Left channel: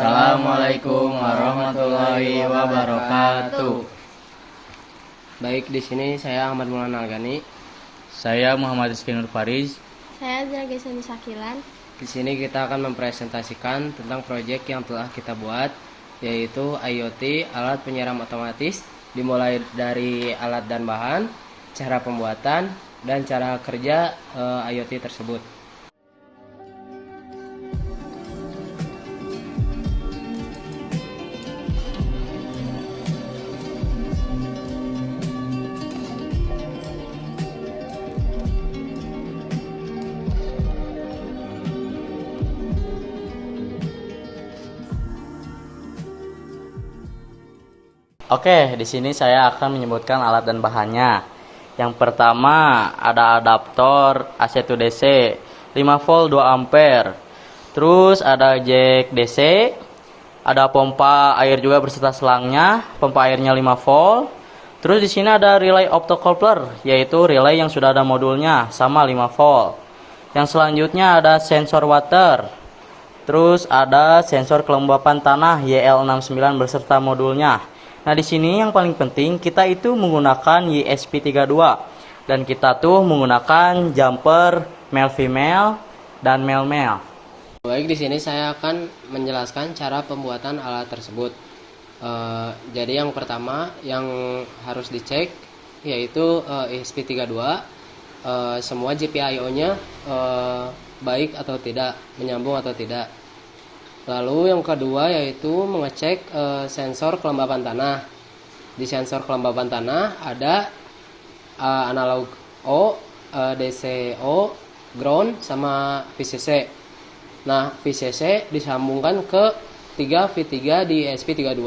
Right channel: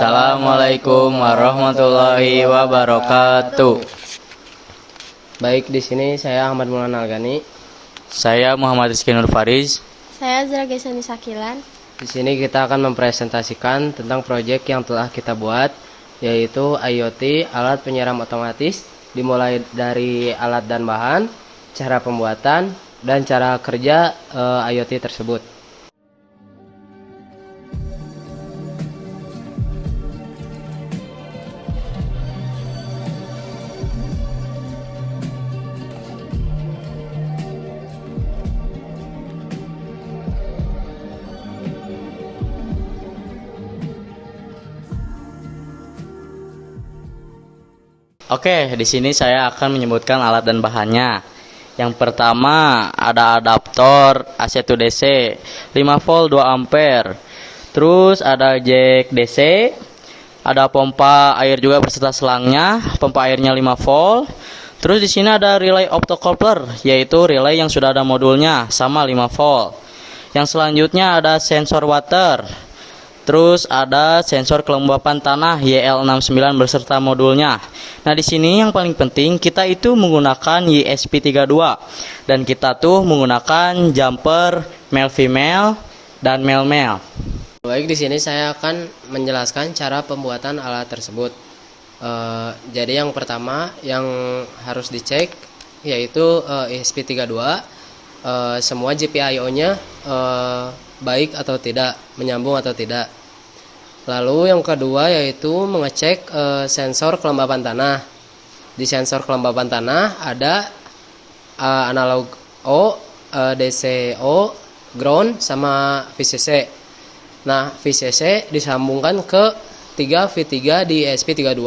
Assalamualaikum warahmatullahi wabarakatuh. Baik, di sini saya Ahmad Maulana Algani. Saya Muhammad Rizky Nur Fariz. Saya Azra Gesani Sakilan. Di sini kita akan mempresentasikan tentang proyek yang telah kita buat, yaitu IoT, alat penyiram otomatis, dimulai dari alat dan bahan, cara pembuatan, dan cara kerja IoT tersebut. Oke, di sini saya akan menyebutkan alat dan bahannya. Yang pertama ada adaptor AC to DC 5 volt 2 ampere. Terus ada jack DC, ada pompa air juga berserta selangnya, pompa airnya 5 volt. Terus di sini ada relay optocoupler, yaitu relay yang sudah ada modulnya sama 5 volt. Yang selanjutnya ada sensor water. Terus ada sensor kelembapan tanah YL69 beserta modulnya. Nah, di sini yang paling penting kita itu menggunakan ESP32 dan kita tuh menggunakan jumper male female dan male male. Baik, di sini saya akan menjelaskan cara pembuatan alat tersebut. Jadi yang pertama yang harus dicek yaitu ESP32, semua GPIO-nya baik atau tidak, menyambung atau tidak. Lalu yang kedua yaitu mengecek sensor kelembapan tanah. Di sensor kelembapan tanah ada analog O, DC O, ground sama VCC. Nah, VCC disambungkan ke 3V3 di ESP32,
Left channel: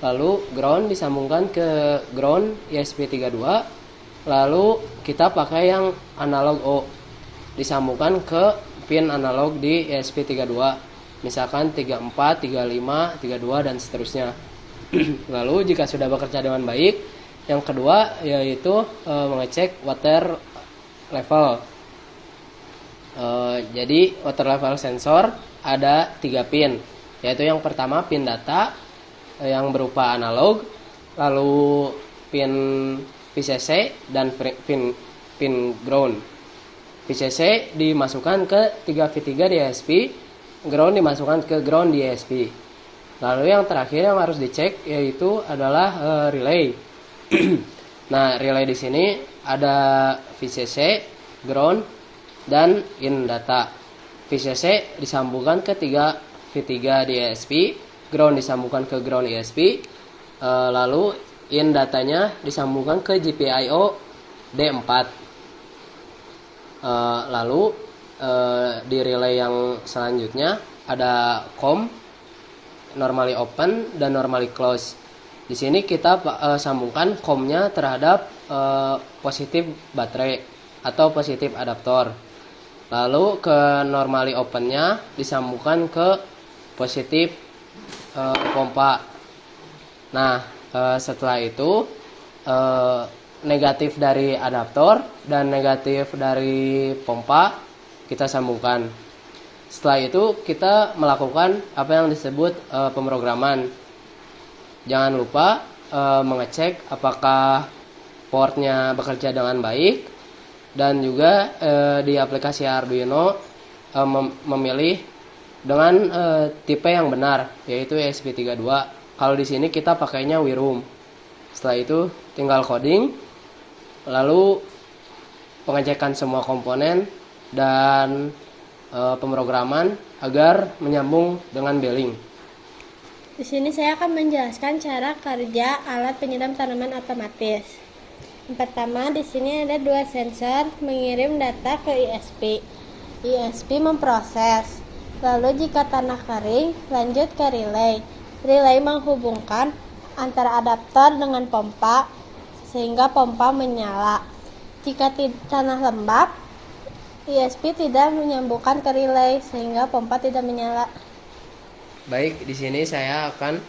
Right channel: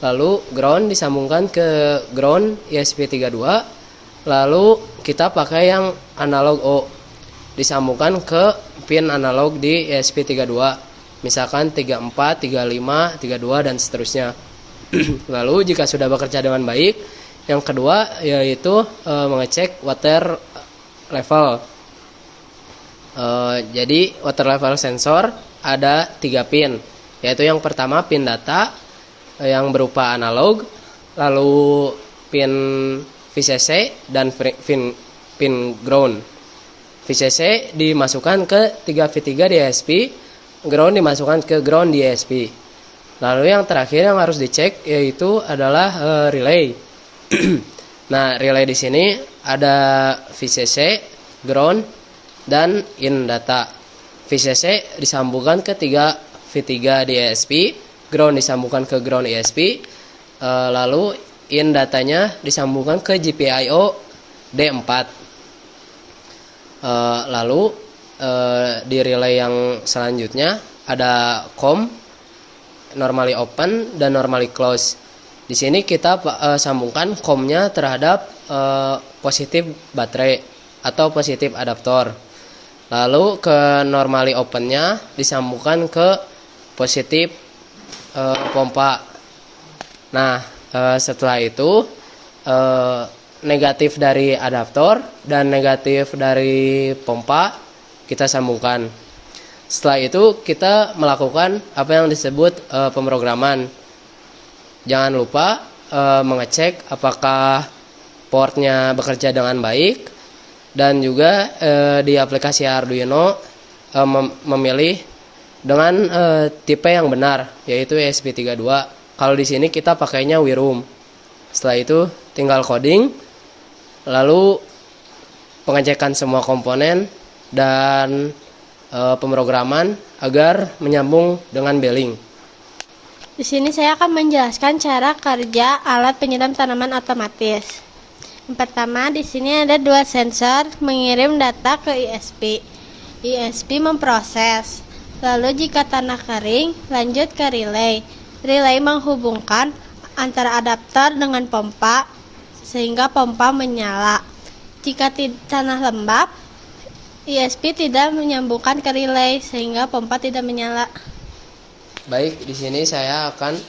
lalu ground disambungkan ke ground ESP32, lalu kita pakai yang analog O disambungkan ke pin analog di ESP32. Misalkan 34, 35, 32 dan seterusnya. Lalu jika sudah bekerja dengan baik, yang kedua yaitu mengecek water level. Jadi water level sensor ada 3 pin, yaitu yang pertama pin data yang berupa analog, lalu pin VCC dan pin ground. VCC dimasukkan ke 3V3 di ESP, ground dimasukkan ke ground di ESP. Lalu yang terakhir yang harus dicek yaitu adalah relay. Nah, relay di sini ada VCC, ground, dan in data. VCC disambungkan ke 3V3 di ESP, ground disambungkan ke ground ESP, lalu in datanya disambungkan ke GPIO D4. Lalu di relay yang selanjutnya ada COM, normally open dan normally close. Di sini kita sambungkan COM-nya terhadap positif baterai atau positif adaptor. Lalu ke normally open-nya disambungkan ke positif pompa. Nah, setelah itu negatif dari adaptor dan negatif dari pompa kita sambungkan. Setelah itu kita melakukan apa yang disebut pemrograman. Jangan lupa mengecek apakah portnya bekerja dengan baik, dan juga di aplikasi Arduino memilih dengan tipe yang benar, yaitu ESP32. Kalau di sini kita pakainya WiRoom. Setelah itu tinggal coding, lalu pengecekan semua komponen dan pemrograman agar menyambung dengan bearing. Di sini saya akan menjelaskan cara kerja alat penyiram tanaman otomatis. Yang pertama, di sini ada 2 sensor mengirim data ke ISP. ISP memproses. Lalu jika tanah kering, lanjut ke relay. Relay menghubungkan antara adaptor dengan pompa sehingga pompa menyala. Jika tanah lembab, ISP tidak menyambungkan ke relay sehingga pompa tidak menyala. Baik, di sini saya akan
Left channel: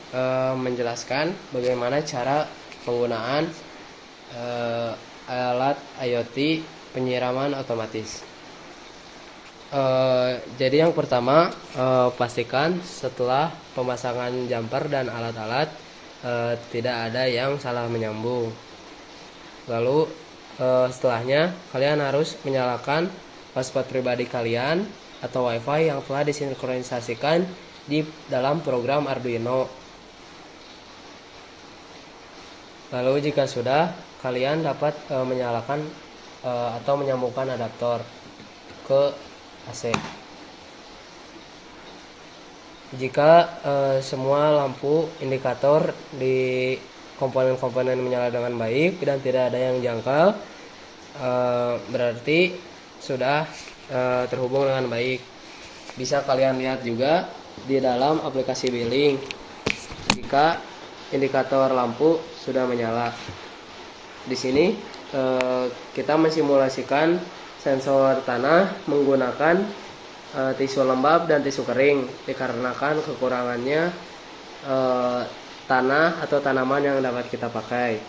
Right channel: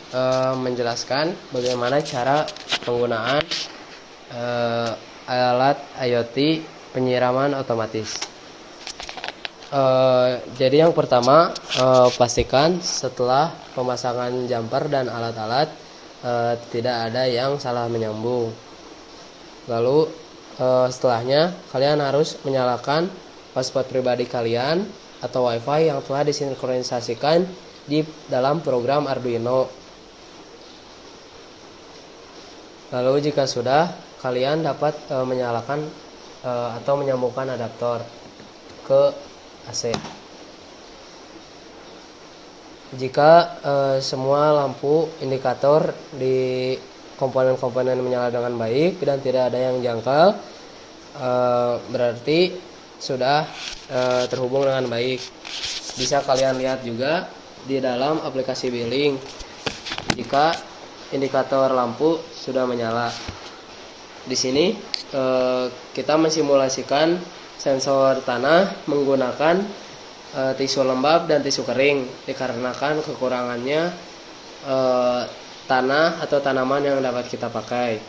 menjelaskan bagaimana cara penggunaan alat IoT penyiraman otomatis. Jadi yang pertama, pastikan setelah pemasangan jumper dan alat-alat tidak ada yang salah menyambung. Lalu setelahnya kalian harus menyalakan hotspot pribadi kalian atau WiFi yang telah disinkronisasikan di dalam program Arduino. Lalu jika sudah, kalian dapat menyalakan atau menyambungkan adaptor ke AC. Jika semua lampu indikator di komponen-komponen menyala dengan baik dan tidak ada yang janggal, berarti sudah terhubung dengan baik. Bisa kalian lihat juga di dalam aplikasi billing jika indikator lampu sudah menyala. Di sini kita mensimulasikan sensor tanah menggunakan tisu lembab dan tisu kering dikarenakan kekurangannya tanah atau tanaman yang dapat kita pakai.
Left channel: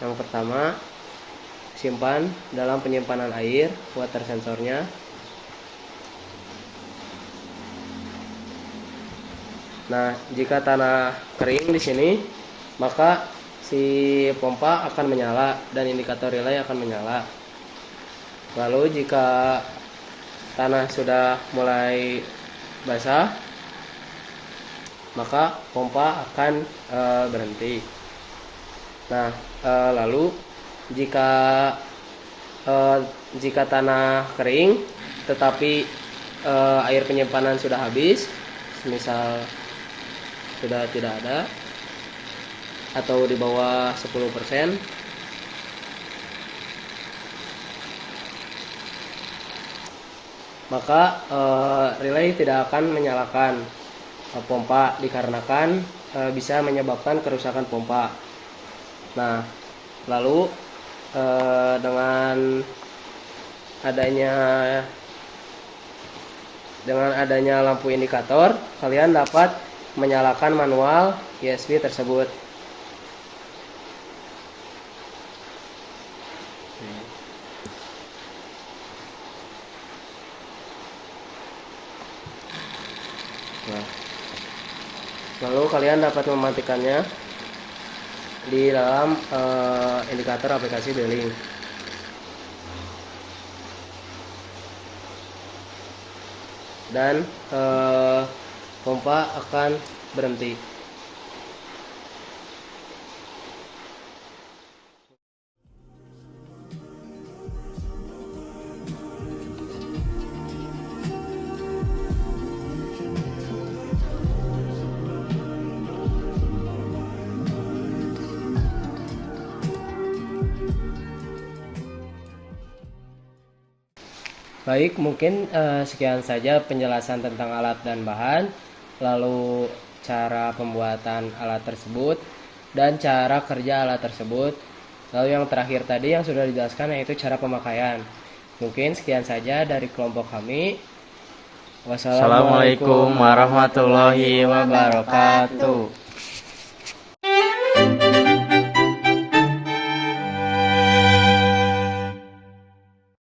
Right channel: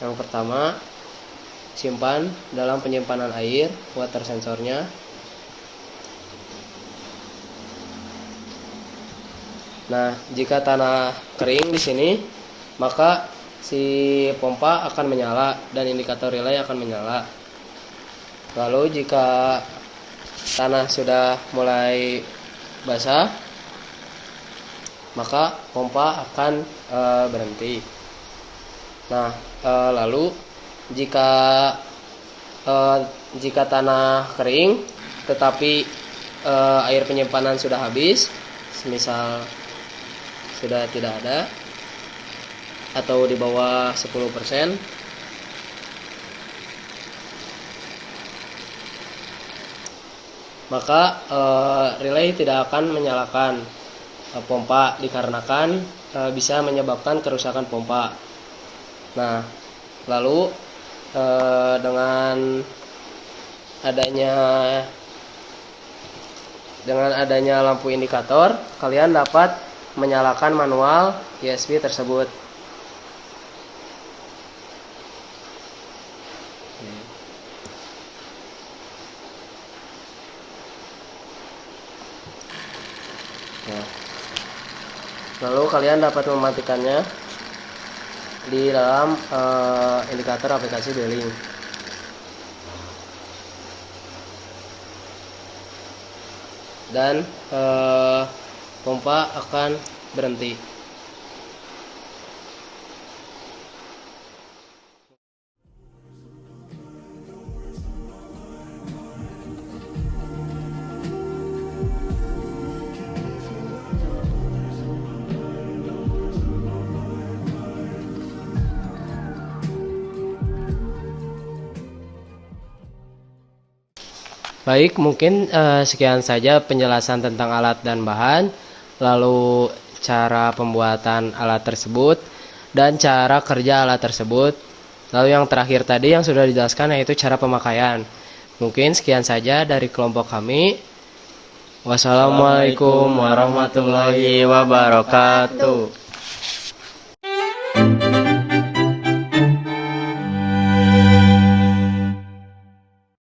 Yang pertama, simpan dalam penyimpanan air water sensornya. Nah, jika tanah kering di sini, maka si pompa akan menyala dan indikator relay akan menyala. Lalu jika tanah sudah mulai basah, maka pompa akan berhenti. Nah, lalu jika tanah kering tetapi air penyimpanan sudah habis, semisal sudah tidak ada atau di bawah 10%, maka relay tidak akan menyalakan pompa dikarenakan bisa menyebabkan kerusakan pompa. Nah, lalu dengan adanya lampu indikator, kalian dapat menyalakan manual USB tersebut. Nah, lalu kalian dapat mematikannya di dalam indikator aplikasi billing. Dan pompa akan berhenti. Baik, mungkin sekian saja penjelasan tentang alat dan bahan, lalu cara pembuatan alat tersebut, dan cara kerja alat tersebut. Lalu yang terakhir tadi yang sudah dijelaskan yaitu cara pemakaian. Mungkin sekian saja dari kelompok kami. Wassalamualaikum Assalamualaikum warahmatullahi wabarakatuh.